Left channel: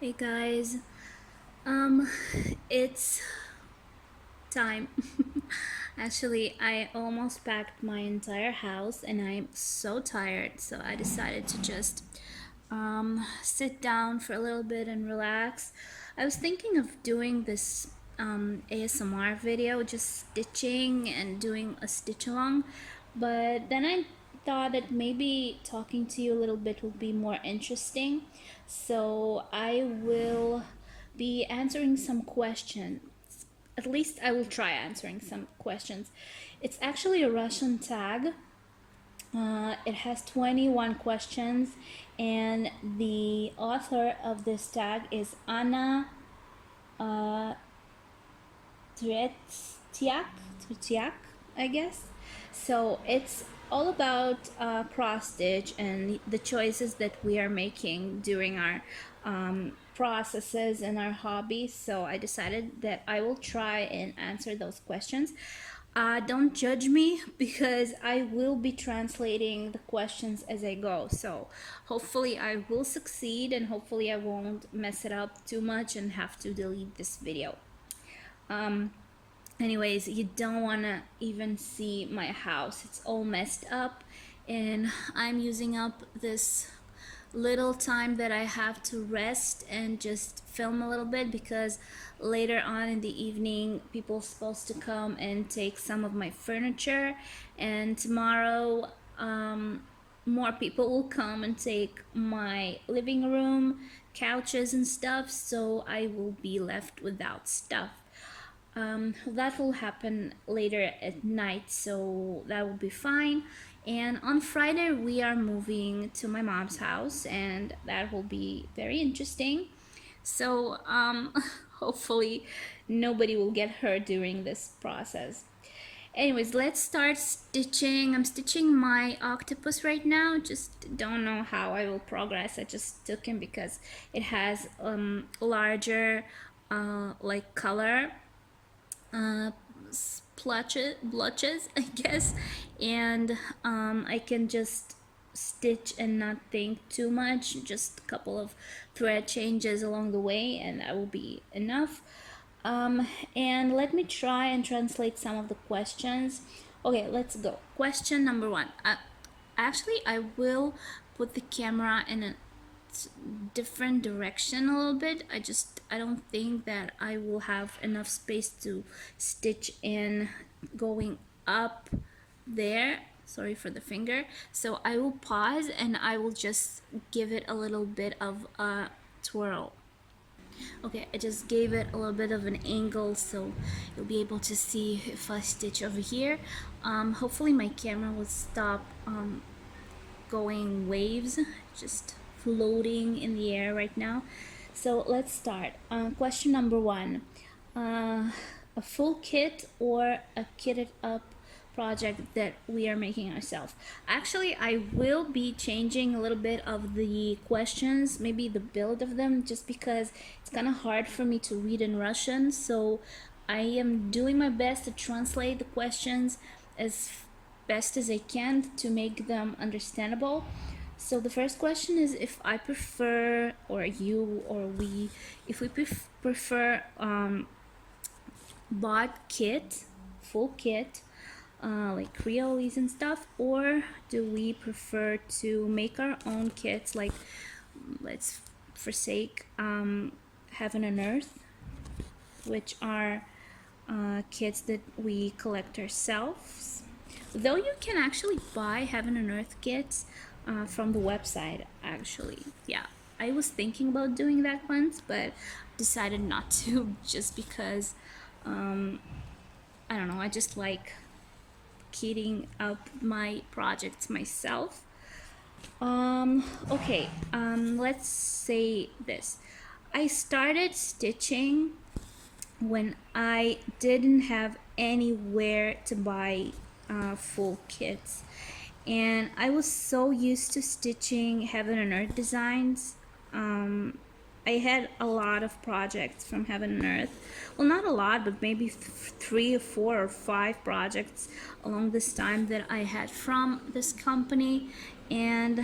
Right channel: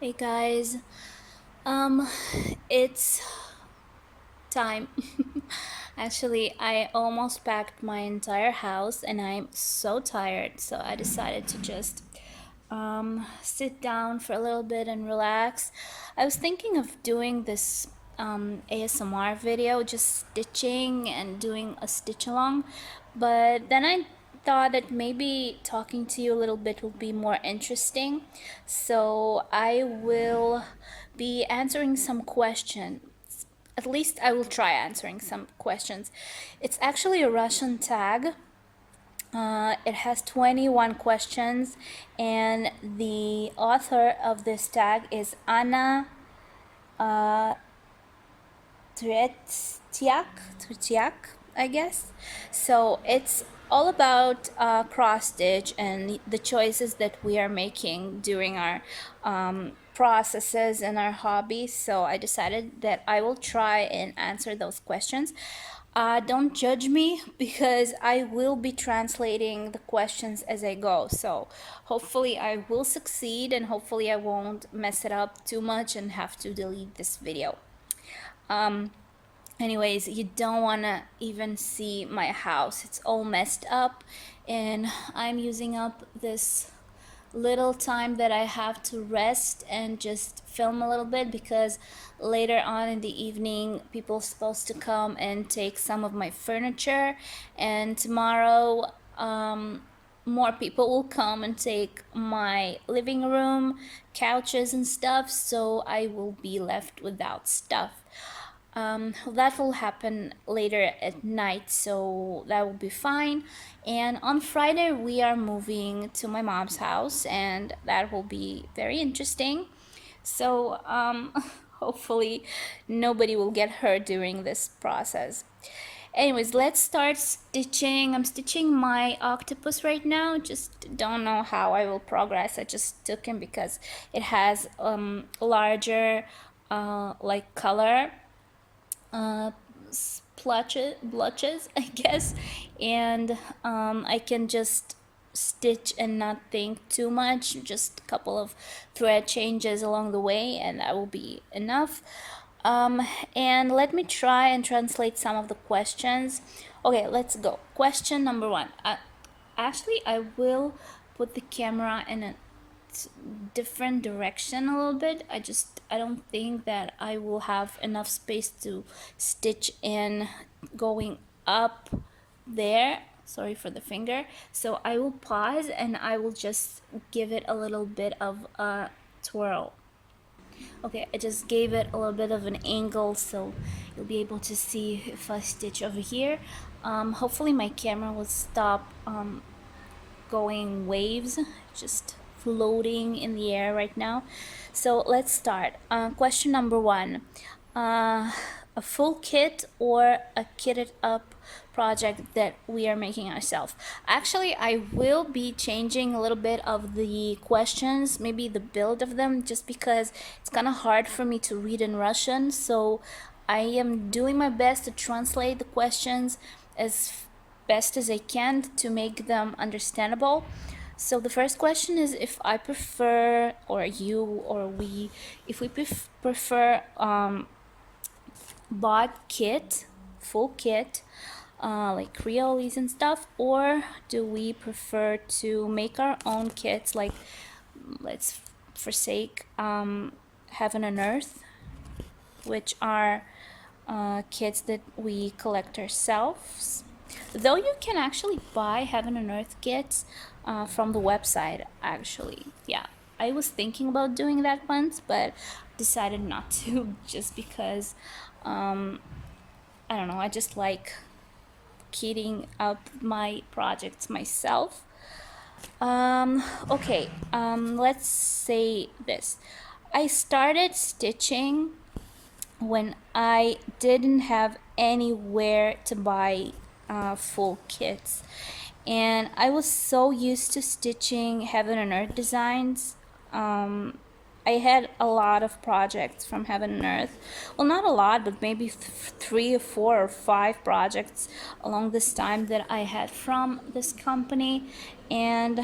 Hey guys, um, it's time. Actually, I almost packed my entire house and I'm so tired, so I decided to just sit down for a little bit and relax. I was thinking of doing this ASMR video, just stitching and doing a stitch along, but then I thought that maybe talking to you a little bit will be more interesting. So I will be answering some questions. At least I will try answering some questions. It's actually a Russian tag. It has 21 questions, and the author of this tag is Anna uh, Tretiak, I guess. So it's all about cross stitch and the choices that we are making during our processes and our hobbies. So I decided that I will try and answer those questions. Don't judge me because I will be translating the questions as I go. So hopefully I will succeed and hopefully I won't mess it up too much and have to delete this video. Um, Anyways, you don't want to even see my house. It's all messed up and I'm using up this little time that I have to rest and just film a little bit because later on in the evening people are supposed to come and take some of my furniture, and tomorrow more people will come and take my living room couches and stuff, so I will be left without stuff. That will happen later at night, so that will be fine. And on Friday, we are moving to my mom's house, and that will be very interesting. So, hopefully, nobody will get hurt during this process. Anyways, let's start stitching. I'm stitching my octopus right now. Just don't know how I will progress. I just took him because it has larger like color uh, blotches, I guess, and I can just stitch and not think too much. Just a couple of thread changes along the way, and that will be enough. And let me try and translate some of the questions. Okay, let's go. Question number one. Actually, I will put the camera in a different direction a little bit. I don't think that I will have enough space to stitch in going up there. Sorry for the finger. So I will pause and I will just give it a little bit of a twirl. Okay, I just gave it a little bit of an angle so you'll be able to see if I stitch over here. Hopefully my camera will stop going waves, just floating in the air right now. So let's start. Question number one. A full kit or a kitted up project that we are making ourselves. Actually, I will be changing a little bit of the questions, maybe the build of them, just because it's kind of hard for me to read in Russian. So I am doing my best to translate the questions as best as I can to make them understandable. So the first question is if I prefer, or you or we, if we prefer bought kit, full kit, like Creoles and stuff, or do we prefer to make our own kits, like let's forsake Heaven and Earth, which are kits that we collect ourselves. Though you can actually buy Heaven and Earth kits from the website, actually. Yeah, I was thinking about doing that once, but decided not to just because I don't know, I just like kitting up my projects myself. Okay, let's say this. I started stitching when I didn't have anywhere to buy full kits, and I was so used to stitching Heaven and Earth designs. I had a lot of projects from Heaven and Earth. Well, not a lot, but maybe 3 or 4 or 5 projects along this time that I had from this company. And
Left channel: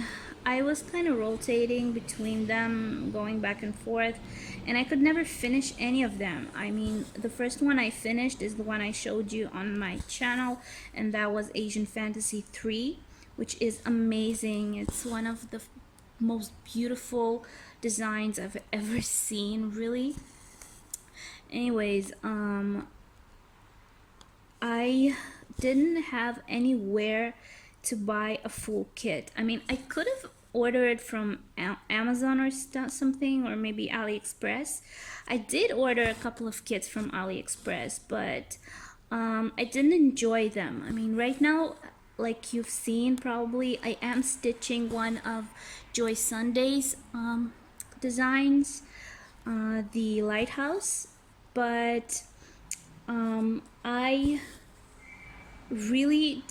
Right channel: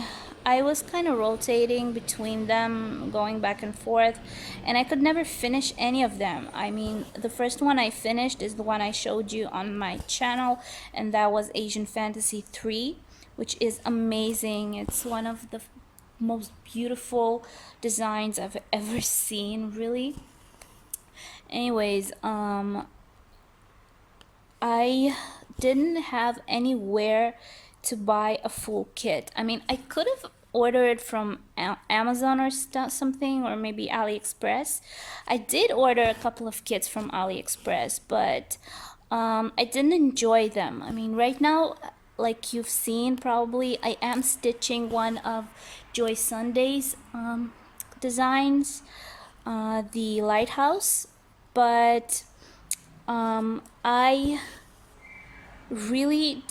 I was kind of rotating between them, going back and forth, and I could never finish any of them. I mean, the first one I finished is the one I showed you on my channel, and that was Asian Fantasy 3, which is amazing. It's one of the most beautiful designs I've ever seen, really. Anyways, I didn't have anywhere to buy a full kit. I mean, I could have ordered from Amazon or something, or maybe AliExpress. I did order a couple of kits from AliExpress, but I didn't enjoy them. I mean, right now, like you've seen probably, I am stitching one of Joy Sunday's designs, the lighthouse, but I really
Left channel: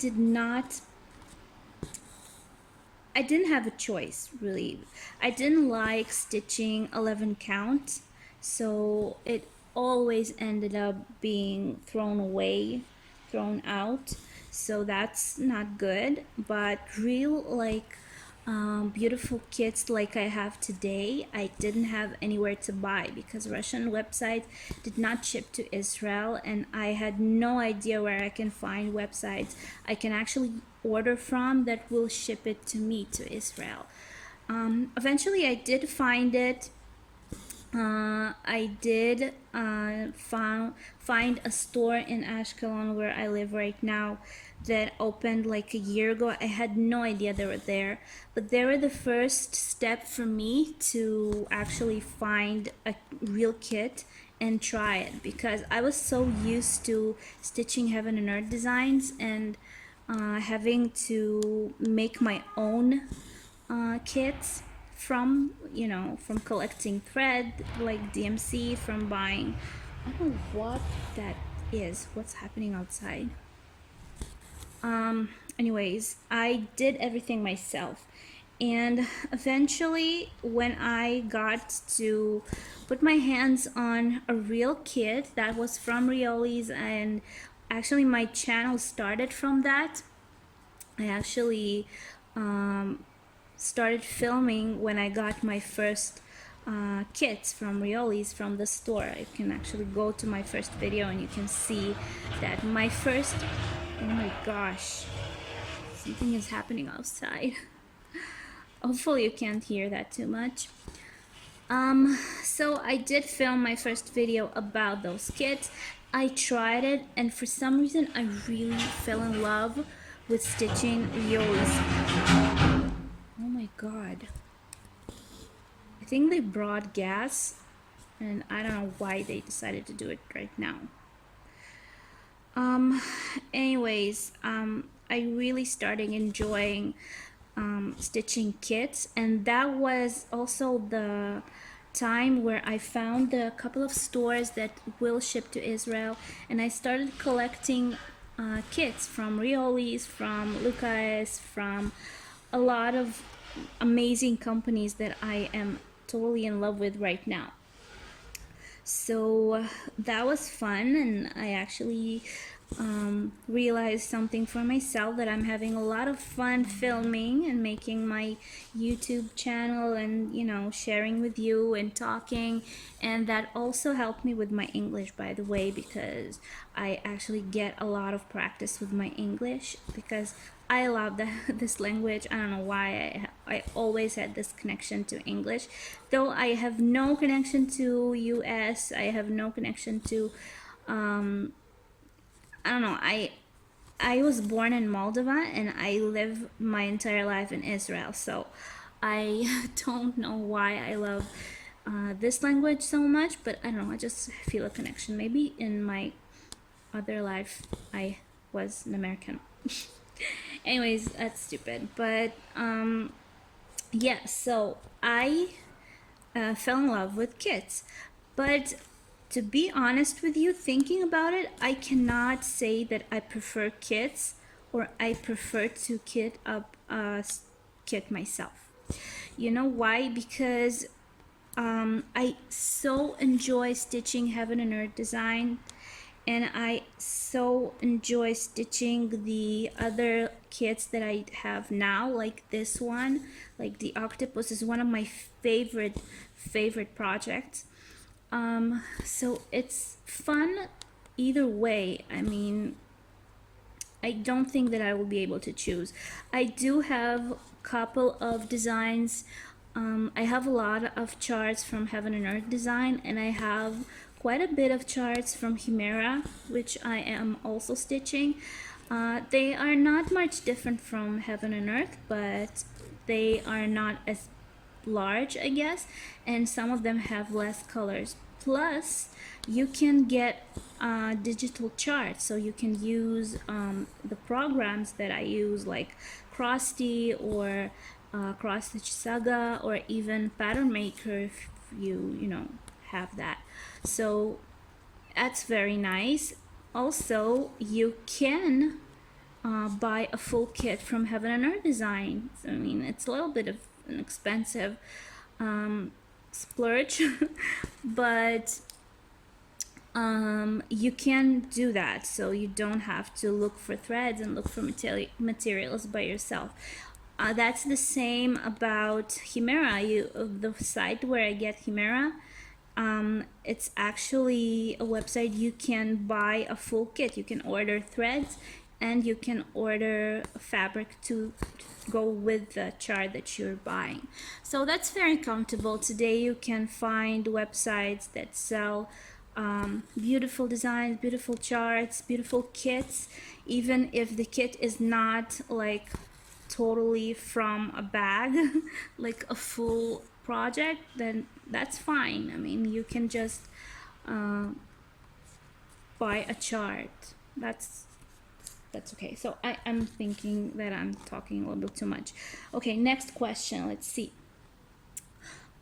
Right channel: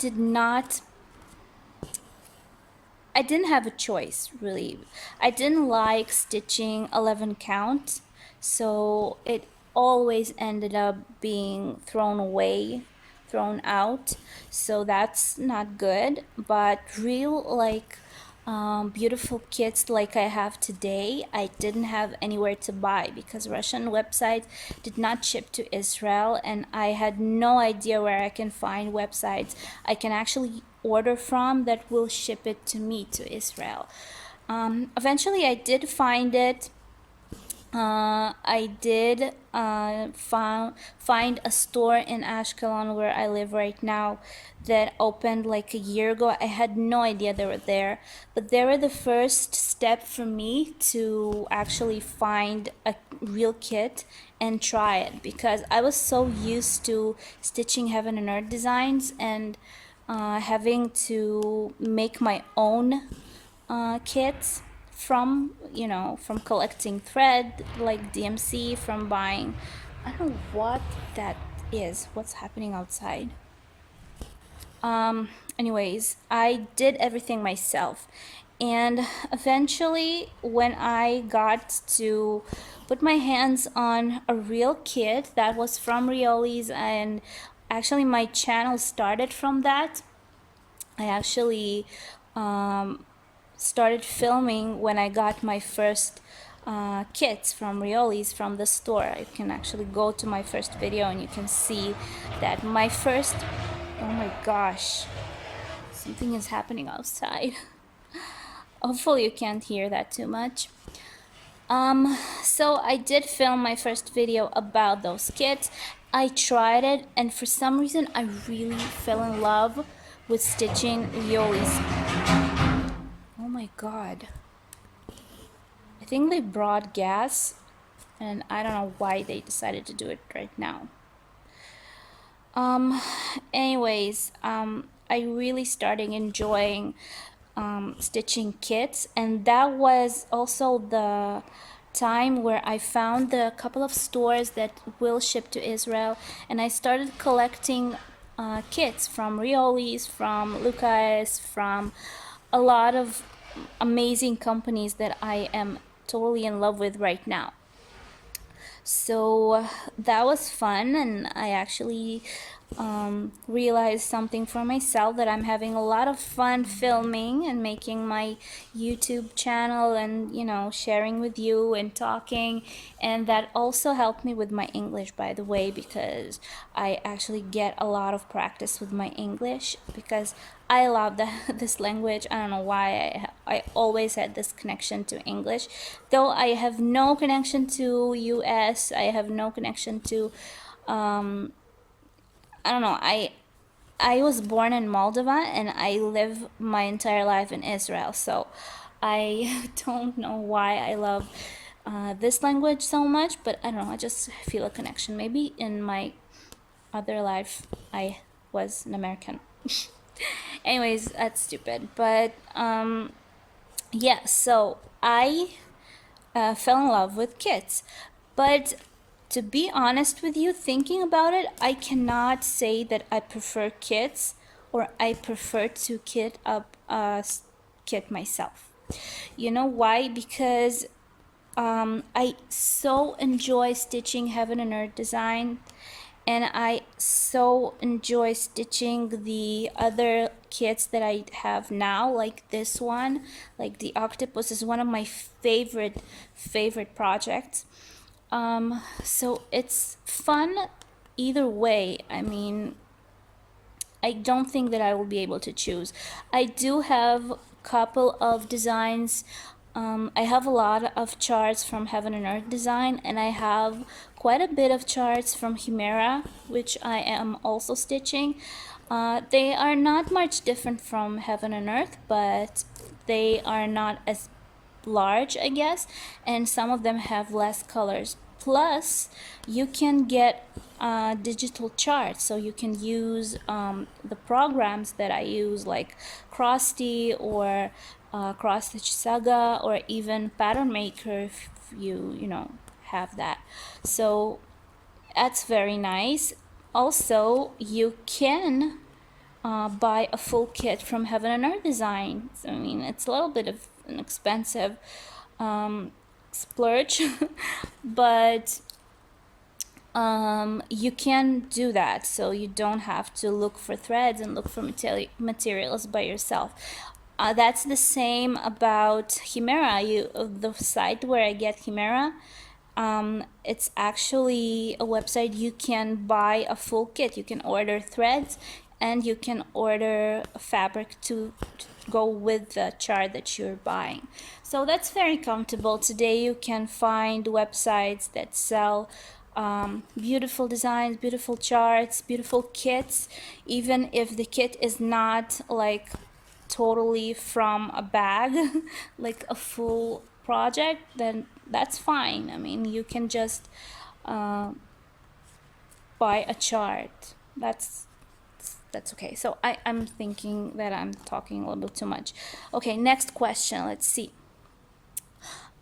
I didn't have a choice, really. I didn't like stitching 11 count, so it always ended up being thrown away, thrown out, so that's not good. But real, like, beautiful kits like I have today, I didn't have anywhere to buy because Russian websites did not ship to Israel, and I had no idea where I can find websites I can actually order from that will ship it to me to Israel. Eventually I did find it. I did find a store in Ashkelon, where I live right now, that opened like a year ago. I had no idea they were there, but they were the first step for me to actually find a real kit and try it, because I was so used to stitching heaven and earth designs and having to make my own kits from, you know, from collecting thread like DMC, from buying, I don't know what that is, what's happening outside. Anyways, I did everything myself, and eventually when I got to put my hands on a real kit that was from Rioli's, and actually my channel started from that. I actually started filming when I got my first kits from Rioli's from the store. I can actually go to my first video and you can see that my first, oh my gosh, something is happening outside. Hopefully you can't hear that too much. So I did film my first video about those kits. I tried it, and for some reason I really fell in love with stitching Rioli's. Oh my god, I think they brought gas, and I don't know why they decided to do it right now. Anyways, I really started enjoying stitching kits, and that was also the time where I found the couple of stores that will ship to Israel, and I started collecting kits from Rioli's, from Lucas, from a lot of amazing companies that I am totally in love with right now. So that was fun, and I actually realized something for myself, that I'm having a lot of fun filming and making my YouTube channel, and, you know, sharing with you and talking. And that also helped me with my English, by the way, because I actually get a lot of practice with my English, because I love this language. I don't know why I always had this connection to English, though I have no connection to US. I have no connection to I don't know. I was born in Moldova, and I live my entire life in Israel, so I don't know why I love this language so much, but I don't know, I just feel a connection. Maybe in my other life I was an American. Anyways, that's stupid, but yeah, so I fell in love with kits, but to be honest with you, thinking about it, I cannot say that I prefer kits, or I prefer to kit up a kit myself. You know why? Because I so enjoy stitching heaven and earth design, and I so enjoy stitching the other kits that I have now, like this one, like the octopus is one of my favorite projects. So it's fun either way. I mean, I don't think that I will be able to choose. I do have a couple of designs. I have a lot of charts from Heaven and Earth Design, and I have quite a bit of charts from Chimera, which I am also stitching. They are not much different from Heaven and Earth, but they are not as large, I guess, and some of them have less colors. Plus, you can get digital charts, so you can use the programs that I use, like Krusty or Cross Stitch Saga, or even Pattern Maker if you know have that. So that's very nice. Also, you can buy a full kit from Heaven and Earth Design. I mean, it's a little bit of an expensive splurge, but you can do that, so you don't have to look for threads and look for materials by yourself. That's the same about Chimera. The site where I get Chimera, it's actually a website. You can buy a full kit. You can order threads and you can order fabric to go with the chart that you're buying. So that's very comfortable. Today you can find websites that sell beautiful designs, beautiful charts, beautiful kits, even if the kit is not like totally from a bag, like a full project, then that's fine. I mean, you can just buy a chart. That's okay. So I'm thinking that I'm talking a little bit too much. Okay, next question. Let's see.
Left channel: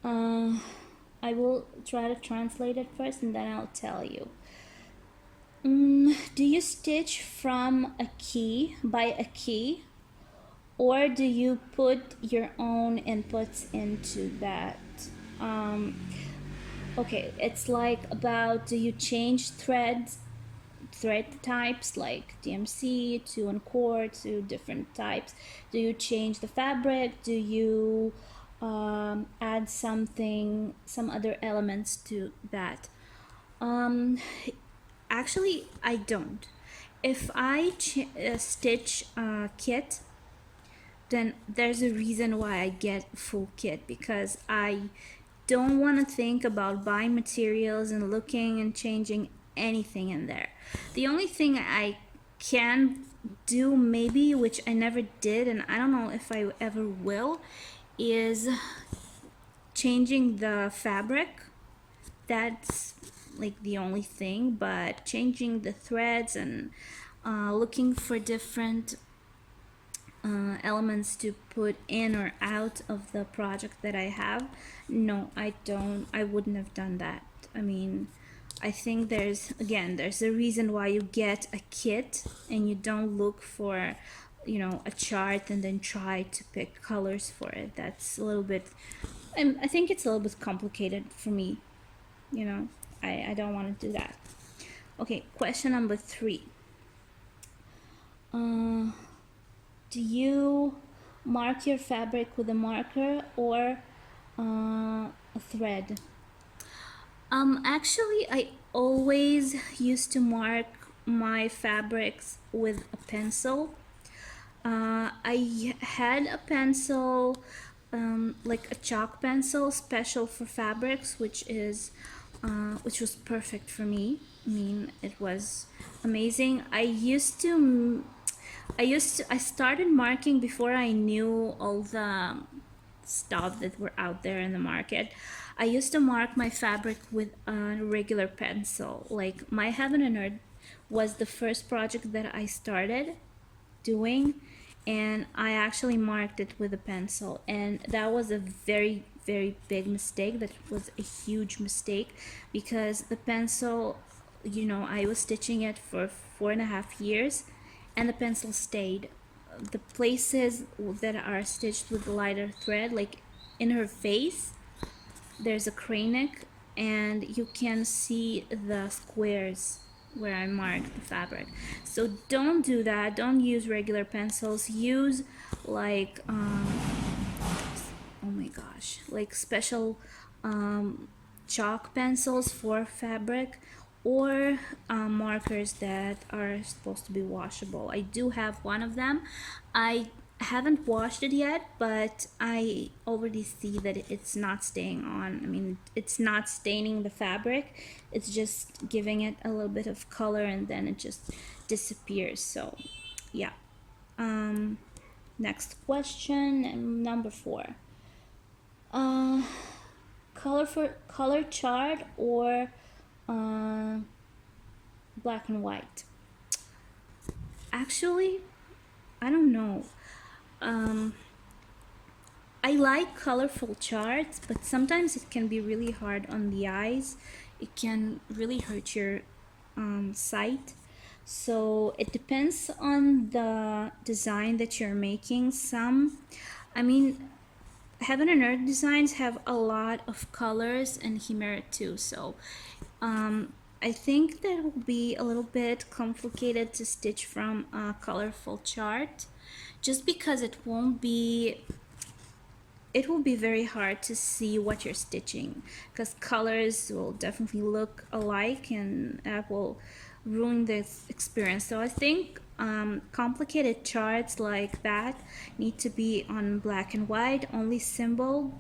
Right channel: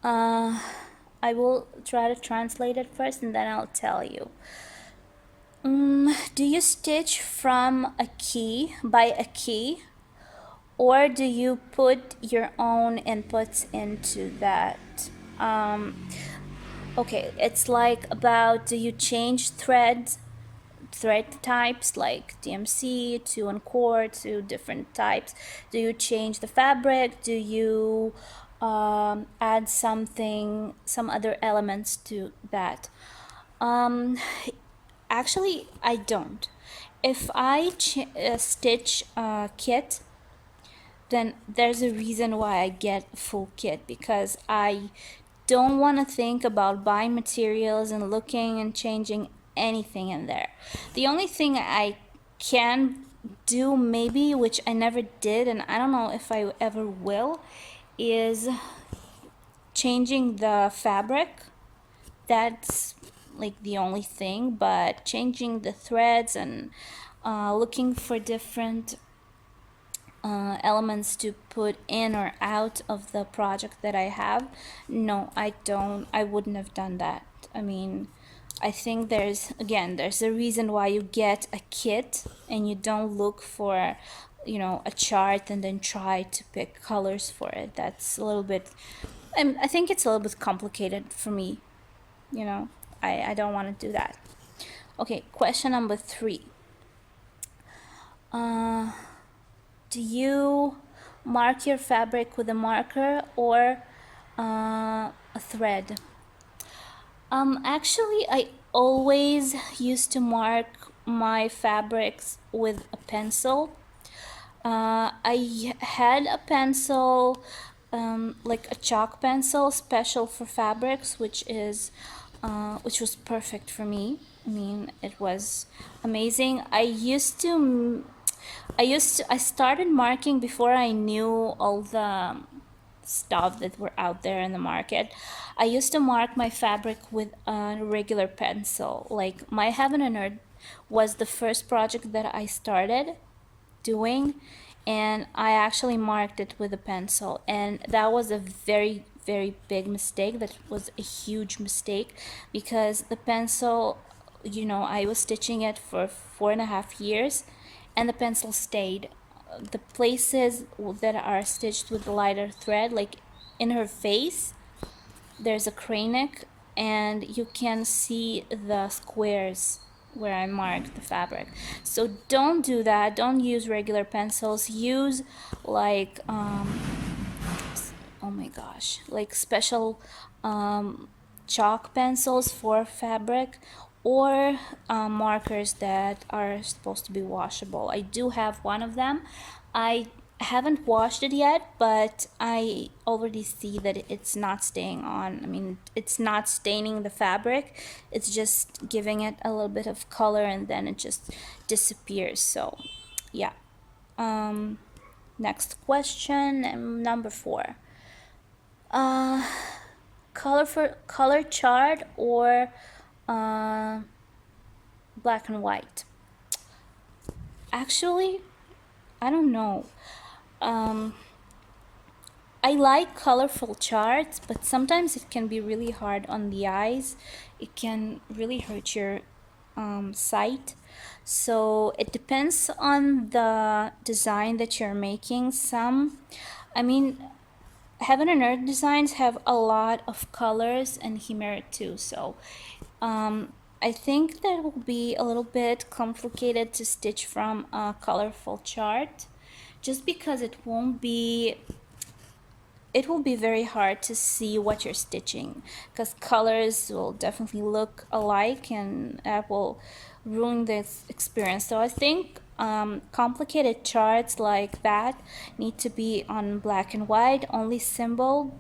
I will try to translate it first and then I'll tell you. Do you stitch from a key, by a key, or do you put your own inputs into that? Okay, it's like about, do you change thread types like DMC to Encore to different types? Do you change the fabric? Do you add some other elements to that? Actually, I don't. If I stitch a kit, then there's a reason why I get a full kit, because I don't want to think about buying materials and looking and changing anything in there. The only thing I can do, maybe, which I never did and I don't know if I ever will, is changing the fabric. That's like the only thing, but changing the threads and looking for different elements to put in or out of the project that I have, no, I wouldn't have done that. I mean, I think there's a reason why you get a kit and you don't look for, you know, a chart and then try to pick colors for it. That's a little bit, I think it's a little bit complicated for me, you know. I don't want to do that. Okay, question number 3. Do you mark your fabric with a marker or a thread? Actually, I always used to mark my fabrics with a pencil. I had a pencil, like a chalk pencil special for fabrics, which was perfect for me. I mean, it was amazing. I started marking before I knew all the stuff that were out there in the market. I used to mark my fabric with a regular pencil. Like my Heaven and Earth was the first project that I started doing, and I actually marked it with a pencil, and that was a very big mistake. That was a huge mistake, because the pencil, you know, I was stitching it for 4.5 years and the pencil stayed. The places that are stitched with the lighter thread, like in her face, there's a crane neck and you can see the squares where I marked the fabric. So don't do that. Don't use regular pencils. Use like oh my gosh, like special chalk pencils for fabric, or markers that are supposed to be washable. I do have one of them. I haven't washed it yet, but I already see that it's not staying on. I mean, it's not staining the fabric, it's just giving it a little bit of color and then it just disappears. So yeah. Next question, number 4. Color chart or black and white? Actually, I don't know. I like colorful charts, but sometimes it can be really hard on the eyes. It can really hurt your sight. So it depends on the design that you're making. Heaven and Earth designs have a lot of colors, and Chimera too. So I think that will be a little bit complicated to stitch from a colorful chart, just because it will be very hard to see what you're stitching, because colors will definitely look alike and that will ruin this experience. So I think complicated charts like that need to be on black and white, only symbol,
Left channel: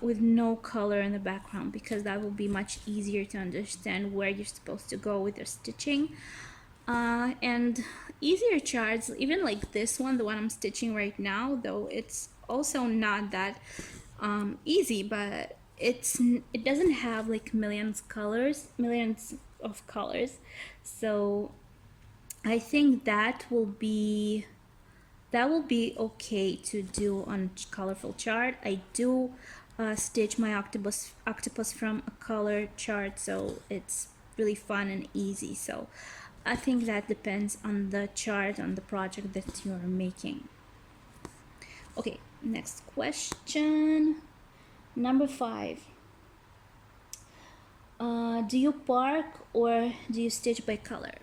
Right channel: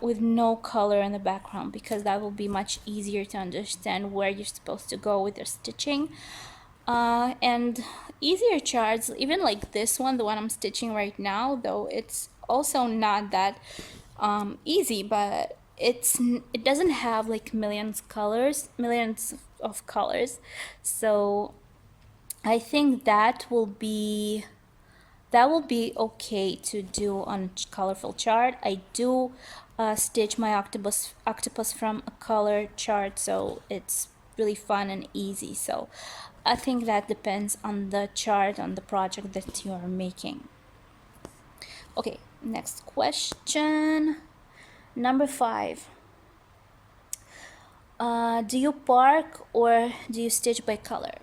with no color in the background, because that will be much easier to understand where you're supposed to go with your stitching. And easier charts, even like this one, the one I'm stitching right now, though it's also not that easy, but it doesn't have like millions of colors. So I think that will be okay to do on colorful chart. I do stitch my octopus from a color chart, so it's really fun and easy. So I think that depends on the chart, on the project that you're making. Okay, next question, number 5. Do you park or do you stitch by color?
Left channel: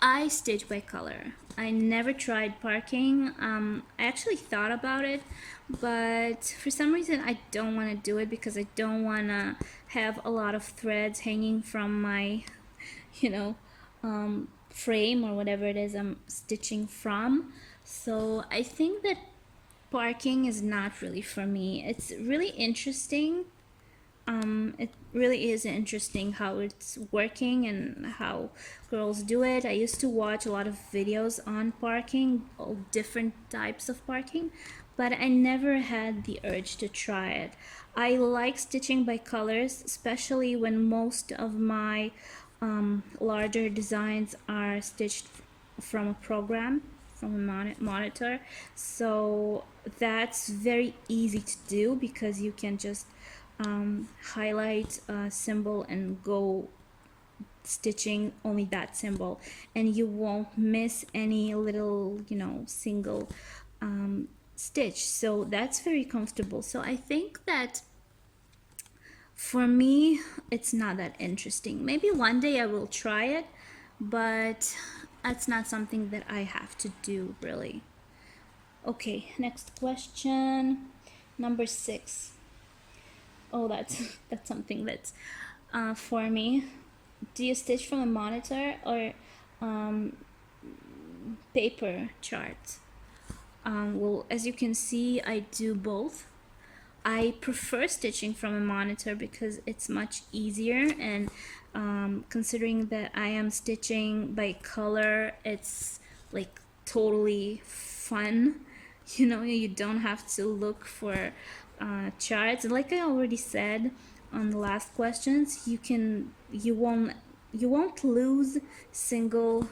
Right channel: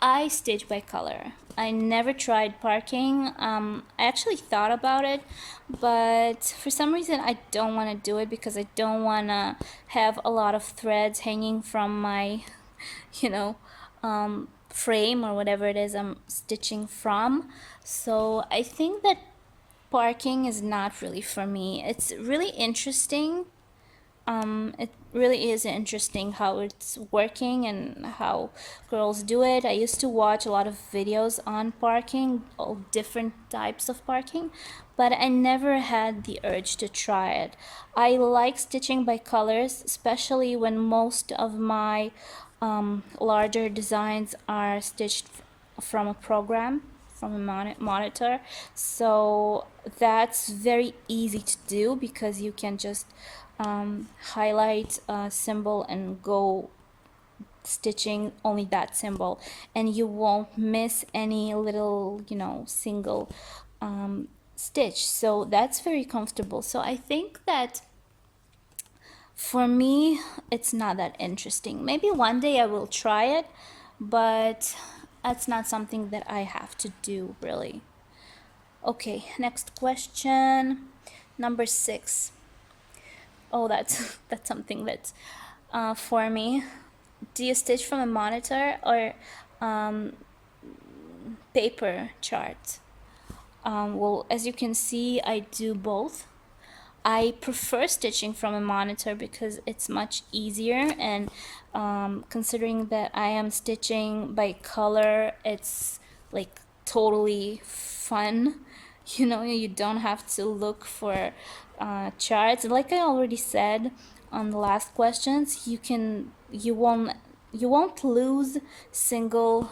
I stitch by color. I never tried parking. I actually thought about it, but for some reason I don't want to do it, because I don't want to have a lot of threads hanging from my, frame or whatever it is I'm stitching from. So I think that parking is not really for me. It's really interesting. It really is interesting how it's working and how girls do it. I used to watch a lot of videos on parking, all different types of parking, but I never had the urge to try it. I like stitching by colors, especially when most of my larger designs are stitched from a program, from a monitor. So that's very easy to do, because you can just highlight a symbol and go stitching only that symbol, and you won't miss any little single stitch. So that's very comfortable. So I think that for me it's not that interesting. Maybe one day I will try it, but that's not something that I have to do really. Okay, next question, number 6. Oh, that's something that's for me. Do you stitch from a monitor or paper chart? Well, as you can see, I do both. I prefer stitching from a monitor because it's much easier, and considering that I am stitching by color, it's like totally fun. You don't have to look for charts. Like I already said on the last questions, you won't lose single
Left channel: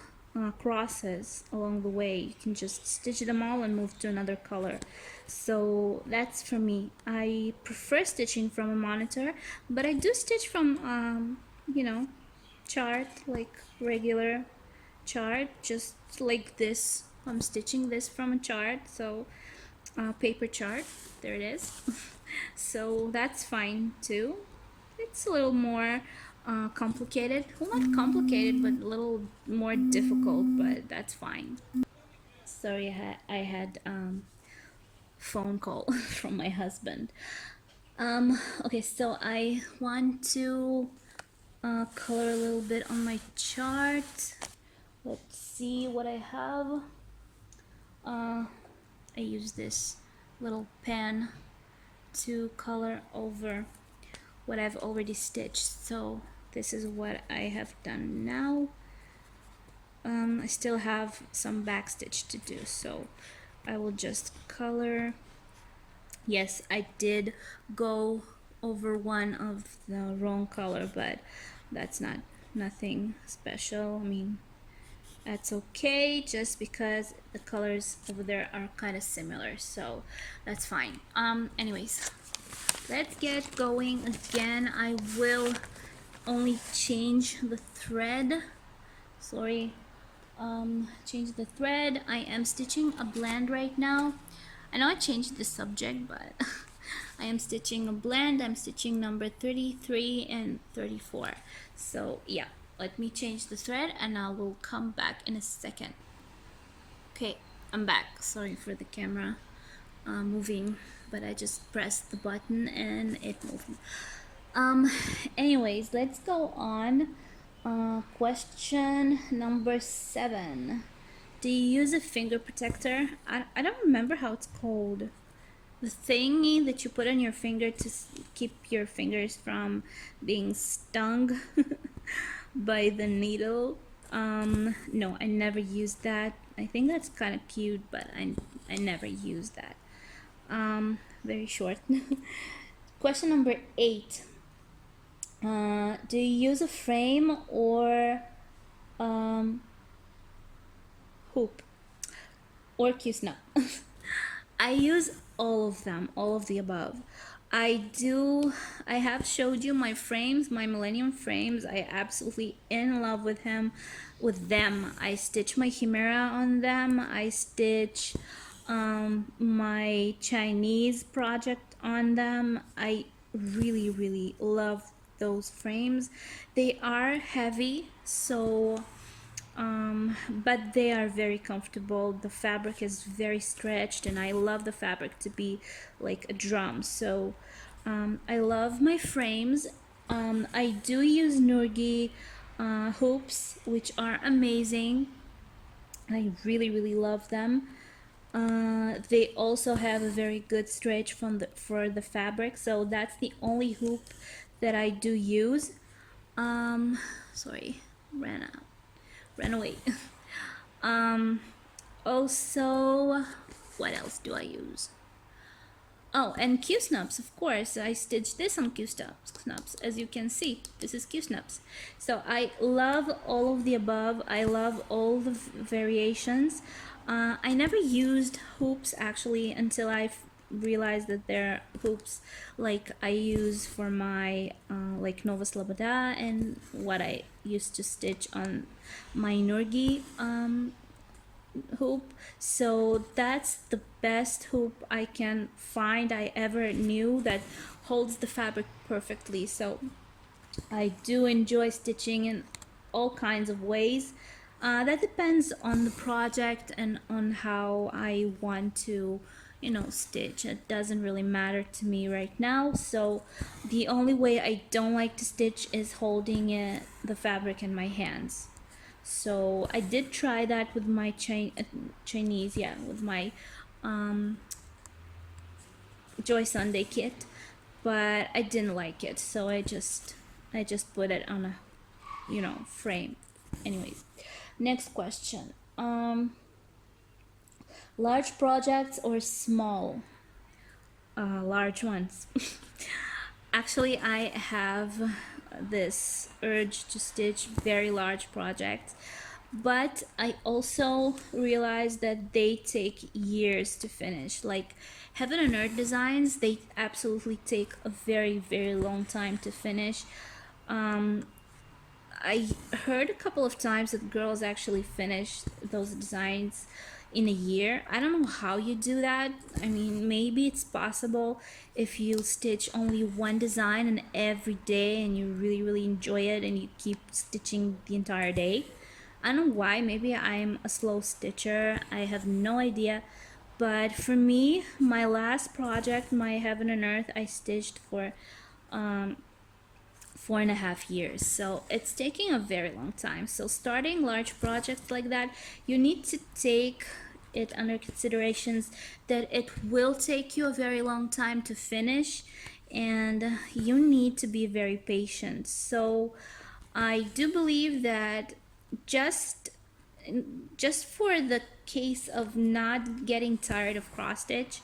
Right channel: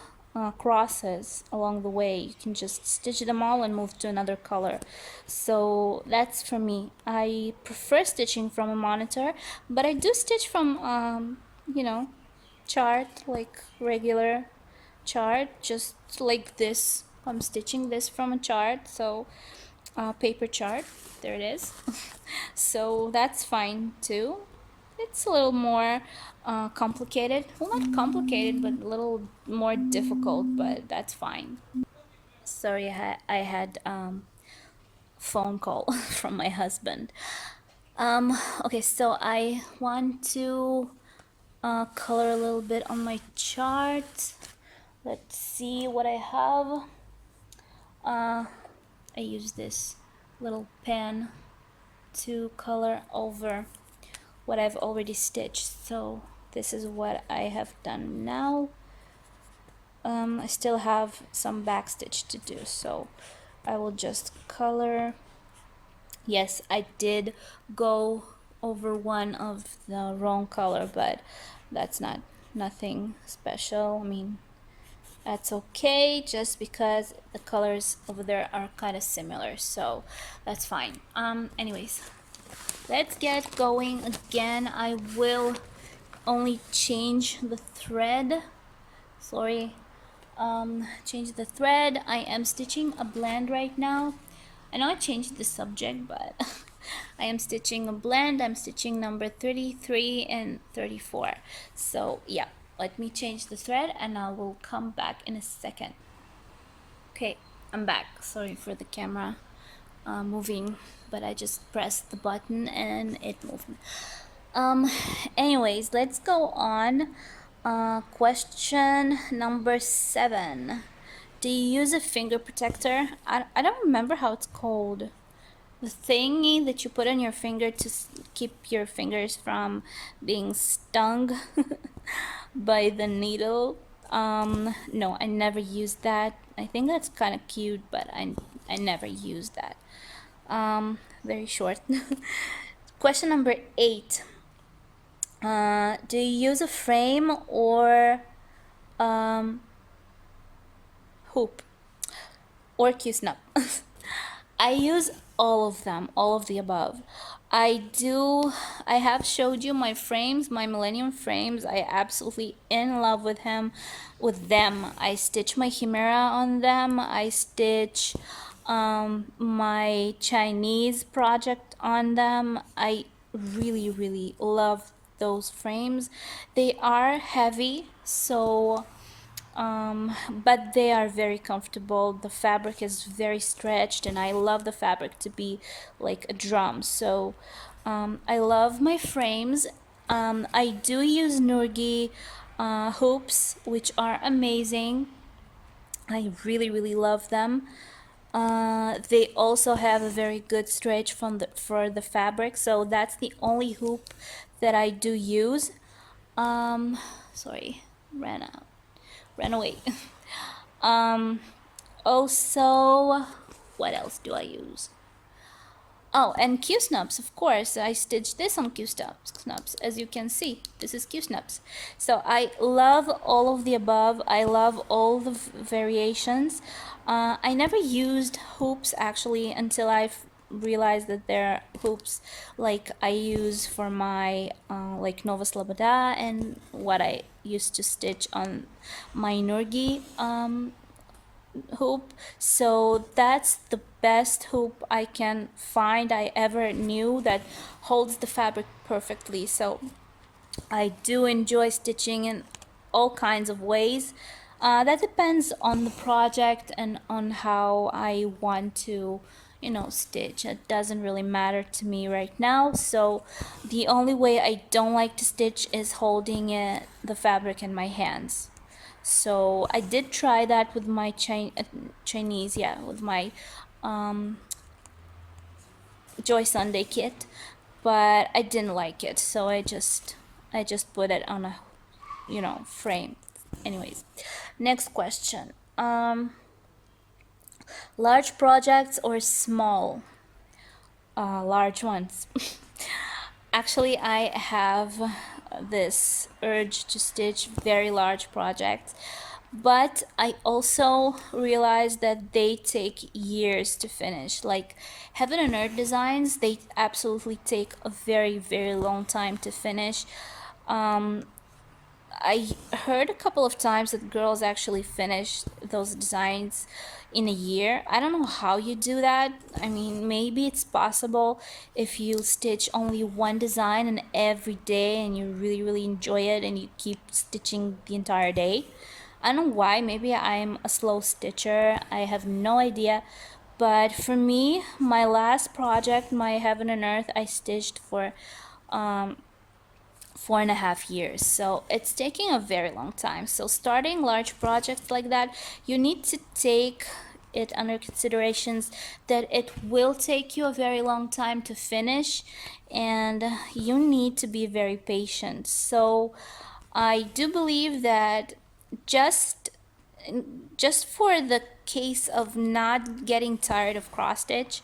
crosses along the way. You can just stitch them all and move to another color. So that's for me. I prefer stitching from a monitor, but I do stitch from chart, like regular chart, just like this. I'm stitching this from a chart, so paper chart, there it is. So that's fine too. it's a little more complicated. Well, not complicated, but a little more difficult, but that's fine. Sorry, I had phone call from my husband. Okay, so I want to color a little bit on my chart. Let's see what I have. I use this little pen to color over what I've already stitched. So this is what I have done now. I still have some back stitch to do, so I will just color. Yes, I did go over one of the wrong color, but that's nothing special. I mean, that's okay, just because the colors over there are kind of similar, so that's fine. Anyways, let's get going again. I will only change the thread. Sorry. Change the thread. I am stitching a blend right now. I know I changed the subject, but I am stitching a blend. I'm stitching number 33 and 34. So yeah, let me change the thread and I will come back in a second. Okay, I'm back. Sorry for the camera moving, but I just pressed the button and it moved. Anyways, let's go on. Question number 7. Do you use a finger protector? I don't remember how it's called. The thingy that you put on your finger to keep your fingers from being stung by the needle. No, I never used that. I think that's kind of cute, but I never used that. Very short. Question number 8. Do you use a frame or hoop or Q-snap? I use all of them, all of the above. I have showed you my frames, my Millennium frames. I absolutely in love with them. I stitch my Chimera on them. I stitch my Chinese project on them. I really love those frames. They are heavy, so but they are very comfortable. The fabric is very stretched and I love the fabric to be like a drum. So I love my frames. I do use Nurgi hoops, which are amazing. I really love them. They also have a very good stretch for the fabric, so that's the only hoop that I do use. Sorry, ran away. Also, what else do I use? Oh, and Q-snubs, of course. I stitched this on Q-snubs. As you can see, this is Q-snubs. So I love all of the above. I love all the variations. I never used hoops actually until I've realized that there are hoops like I use for my like Nova Sloboda and what I used to stitch on my Nurgi hoop. So that's the best hoop I can find, I ever knew, that holds the fabric perfectly. So I do enjoy stitching in all kinds of ways. That depends on the project and on how I want to stitch. It doesn't really matter to me right now. So the only way I don't like to stitch is holding the fabric in my hands. So I did try that with my Chinese, yeah, with my Joy Sunday kit, but I didn't like it, so I just put it on a frame. Anyways, next question. Large projects or small? Large ones. Actually, I have this urge to stitch very large projects, but I also realized that they take years to finish. Like Heaven and Earth designs, they absolutely take a very long time to finish. I heard a couple of times that girls actually finish those designs in a year. I don't know how you do that. I mean, maybe it's possible if you stitch only one design and every day and you really, really enjoy it and you keep stitching the entire day. I don't know why. Maybe I'm a slow stitcher. I have no idea. But for me, my last project, my Heaven and Earth, I stitched for 4.5 years, so it's taking a very long time. So starting large projects like that, you need to take it under considerations that it will take you a very long time to finish, and you need to be very patient. So I do believe that just just for the case of not getting tired of cross stitch,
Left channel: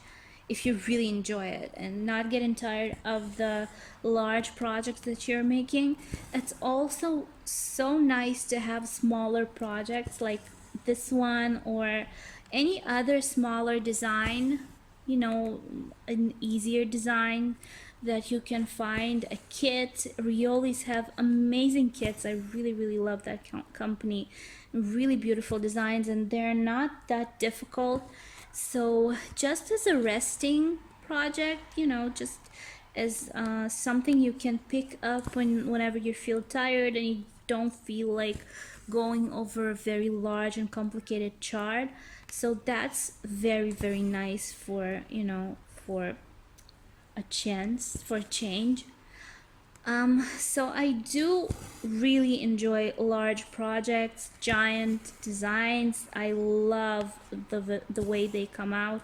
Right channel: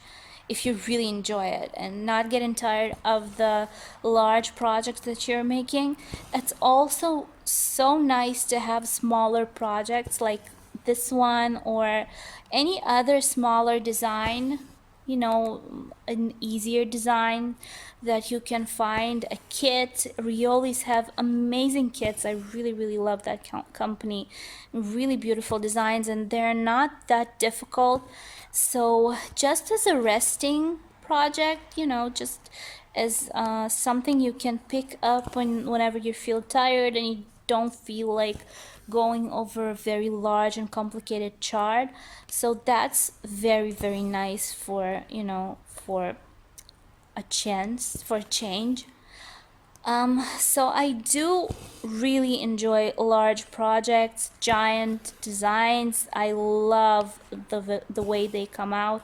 if you really enjoy it and not getting tired of the large projects that you're making, it's also so nice to have smaller projects like this one or any other smaller design, you know, an easier design that you can find. A kit. Riolis have amazing kits. I really, really love that company. Really beautiful designs, and they're not that difficult. So just as a resting project, you know, just as something you can pick up whenever you feel tired and you don't feel like going over a very large and complicated chart. So that's very, very nice for, you know, for a chance, for a change. So I do really enjoy large projects, giant designs. I love the way they come out.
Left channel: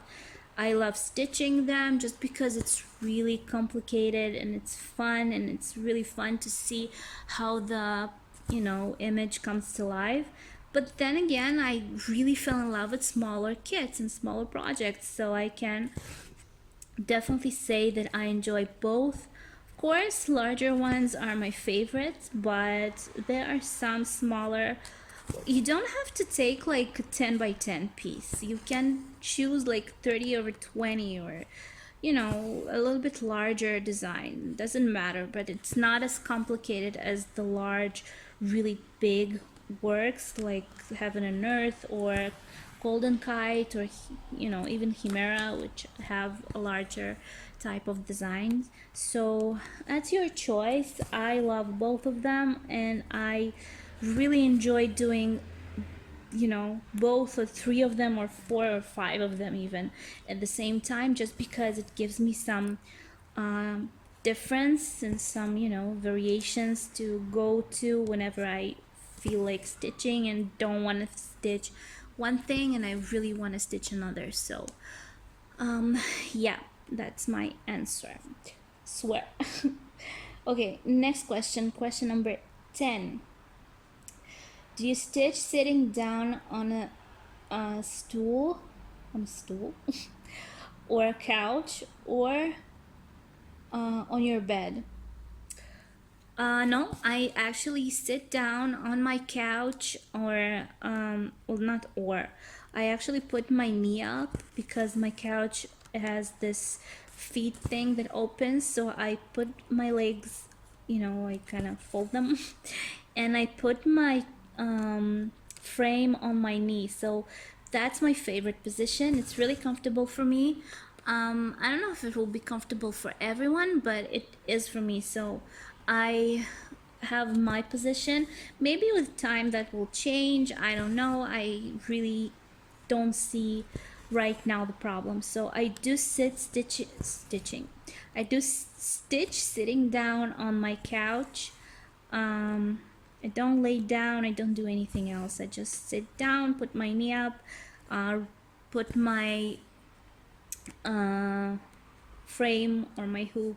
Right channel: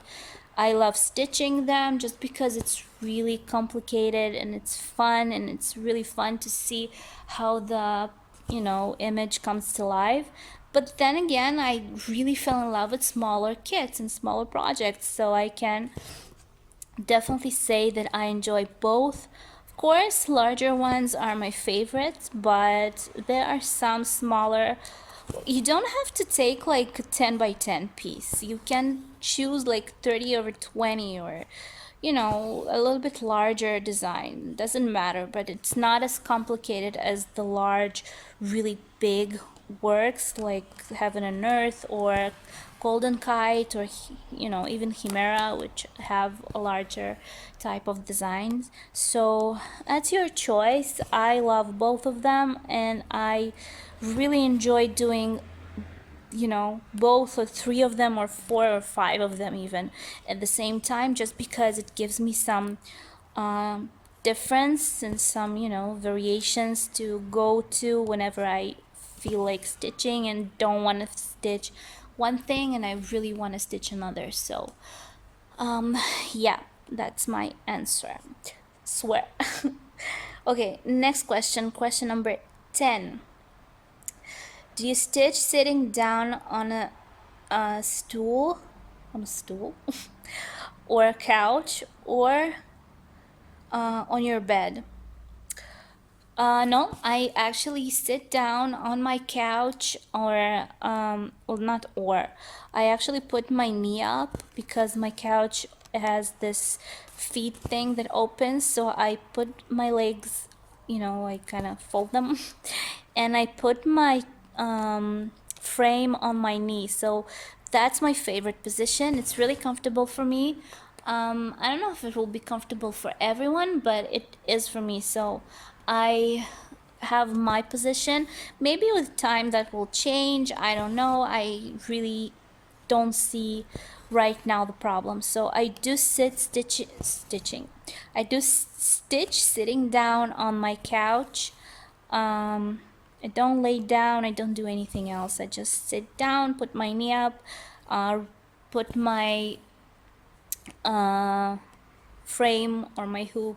I love stitching them just because it's really complicated and it's fun, and it's really fun to see how the, you know, image comes to life. But then again, I really fell in love with smaller kits and smaller projects, so I can definitely say that I enjoy both. Of course, larger ones are my favorites, but there are some smaller. You don't have to take like a 10 by 10 piece. You can choose like 30 over 20, or, you know, a little bit larger design. Doesn't matter, but it's not as complicated as the large, really big works like Heaven and Earth or Golden Kite, or, you know, even Chimera, which have a larger type of designs. So that's your choice. I love both of them, and I really enjoy doing, you know, both or three of them or four or five of them even at the same time, just because it gives me some difference and some, you know, variations to go to whenever I feel like stitching and don't want to stitch one thing and I really want to stitch another. So yeah, that's my answer. Swear. Okay, next question number 10. Do you stitch sitting down on a stool, or a couch, or on your bed? No, I actually sit down on my couch, or well, not or. I actually put my knee up because my couch has this feet thing that opens, so I put my legs, you know, I kind of fold them, and I put my frame on my knee. So that's my favorite position. It's really comfortable for me. I don't know if it will be comfortable for everyone, but it is for me. So I have my position. Maybe with time that will change. I don't know. I really don't see right now the problem. So I do stitching. I do stitch sitting down on my couch. I don't lay down. I don't do anything else. I just sit down, put my knee up, put my frame or my hoop,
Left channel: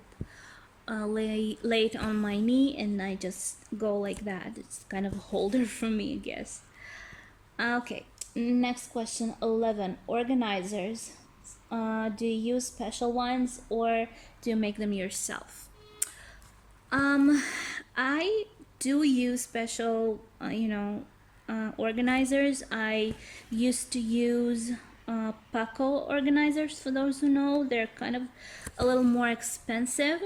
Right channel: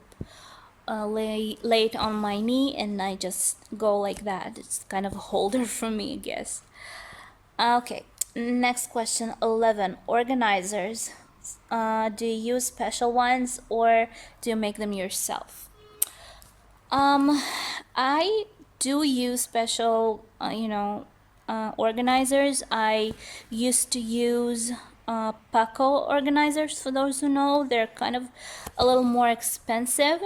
lay it on my knee, and I just go like that. It's kind of a holder for me, I guess. Okay, next question, 11. Organizers. Do you use special ones or do you make them yourself? I do use special, organizers. I used to use Paco organizers. For those who know, they're kind of a little more expensive.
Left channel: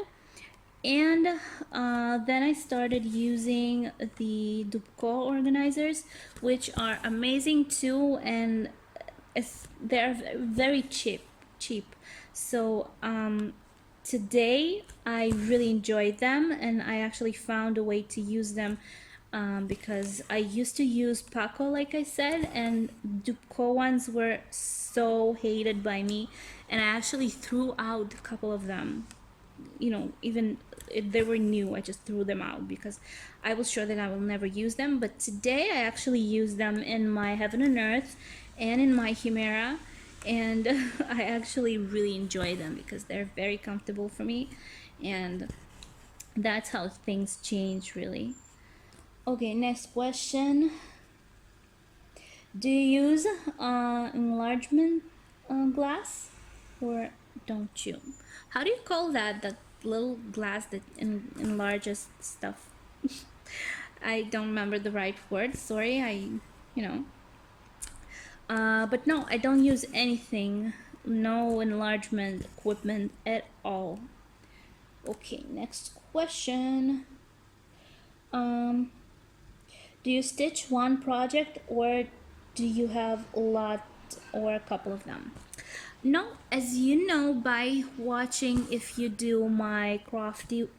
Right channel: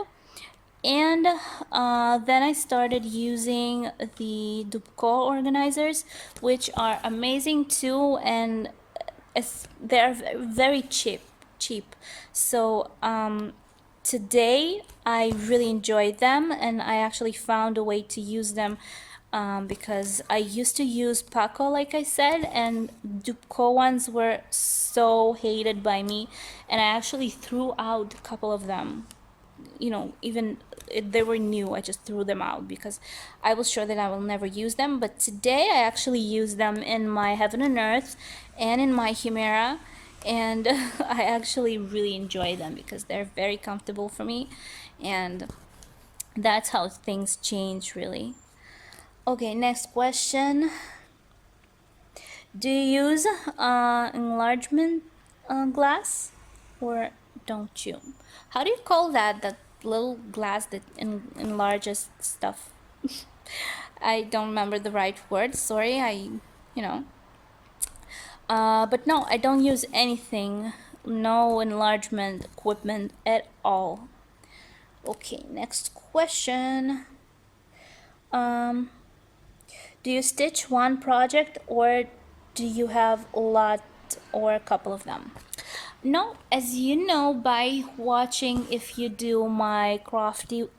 And then I started using the Dubco organizers, which are amazing too. And they're very cheap. So today I really enjoyed them, and I actually found a way to use them, because I used to use Paco, like I said, and Dupco ones were so hated by me, and I actually threw out a couple of them. Even if they were new, I just threw them out because I was sure that I will never use them. But today I actually use them in my Heaven and Earth and in my Chimera, and I actually really enjoy them because they're very comfortable for me, and that's how things change, really. Okay, next question. Do you use enlargement glass, or don't you? How do you call that? That little glass that enlarges stuff. I don't remember the right word. Sorry, you know. But no, I don't use anything. No enlargement equipment at all. Okay, next question. Um, do you stitch one project, or do you have a lot or a couple of them? No, as you know by watching, if you do my crafty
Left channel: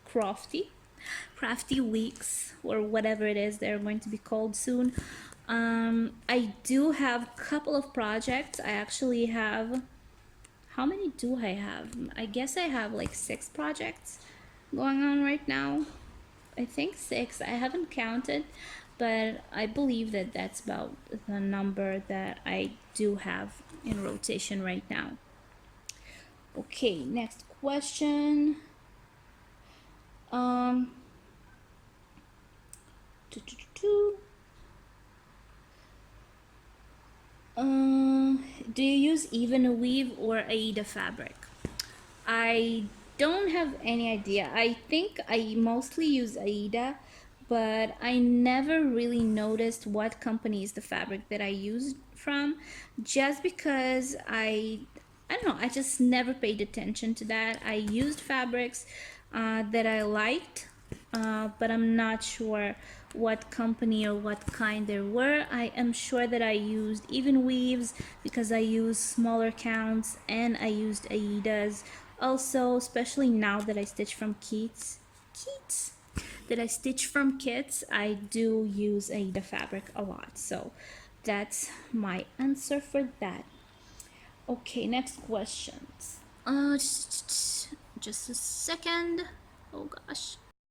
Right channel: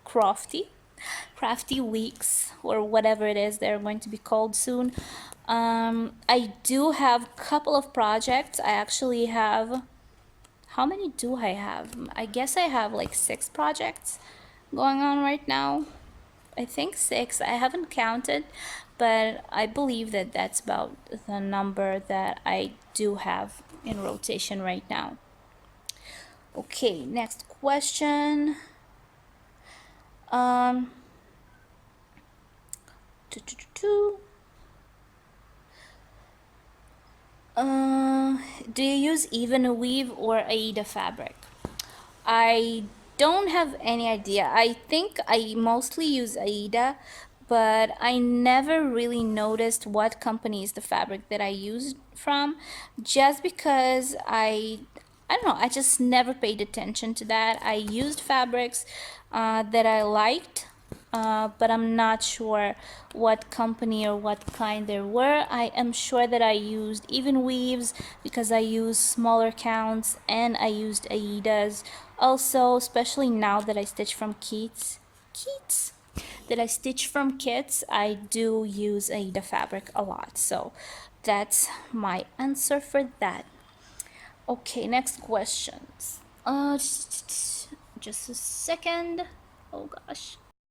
weeks, or whatever it is they're going to be called soon, I do have a couple of projects. I actually have, how many do I have? I guess I have like 6 projects going on right now. I think 6. I haven't counted, but I believe that that's about the number that I do have in rotation right now. Okay, next question. Um, do you use even weave or Aida fabric? I don't have any idea. I think I mostly use Aida, but I never really noticed what company is the fabric that I used from, just because I don't know, I just never paid attention to that. I used fabrics that I liked, but I'm not sure what company or what kind there were. I am sure that I used even weaves because I used smaller counts, and I used Aidas also, especially now that I stitch from kits that I stitch from kits. I do use Aida fabric a lot, so that's my answer for that. Okay, next questions. Just a second. Oh gosh.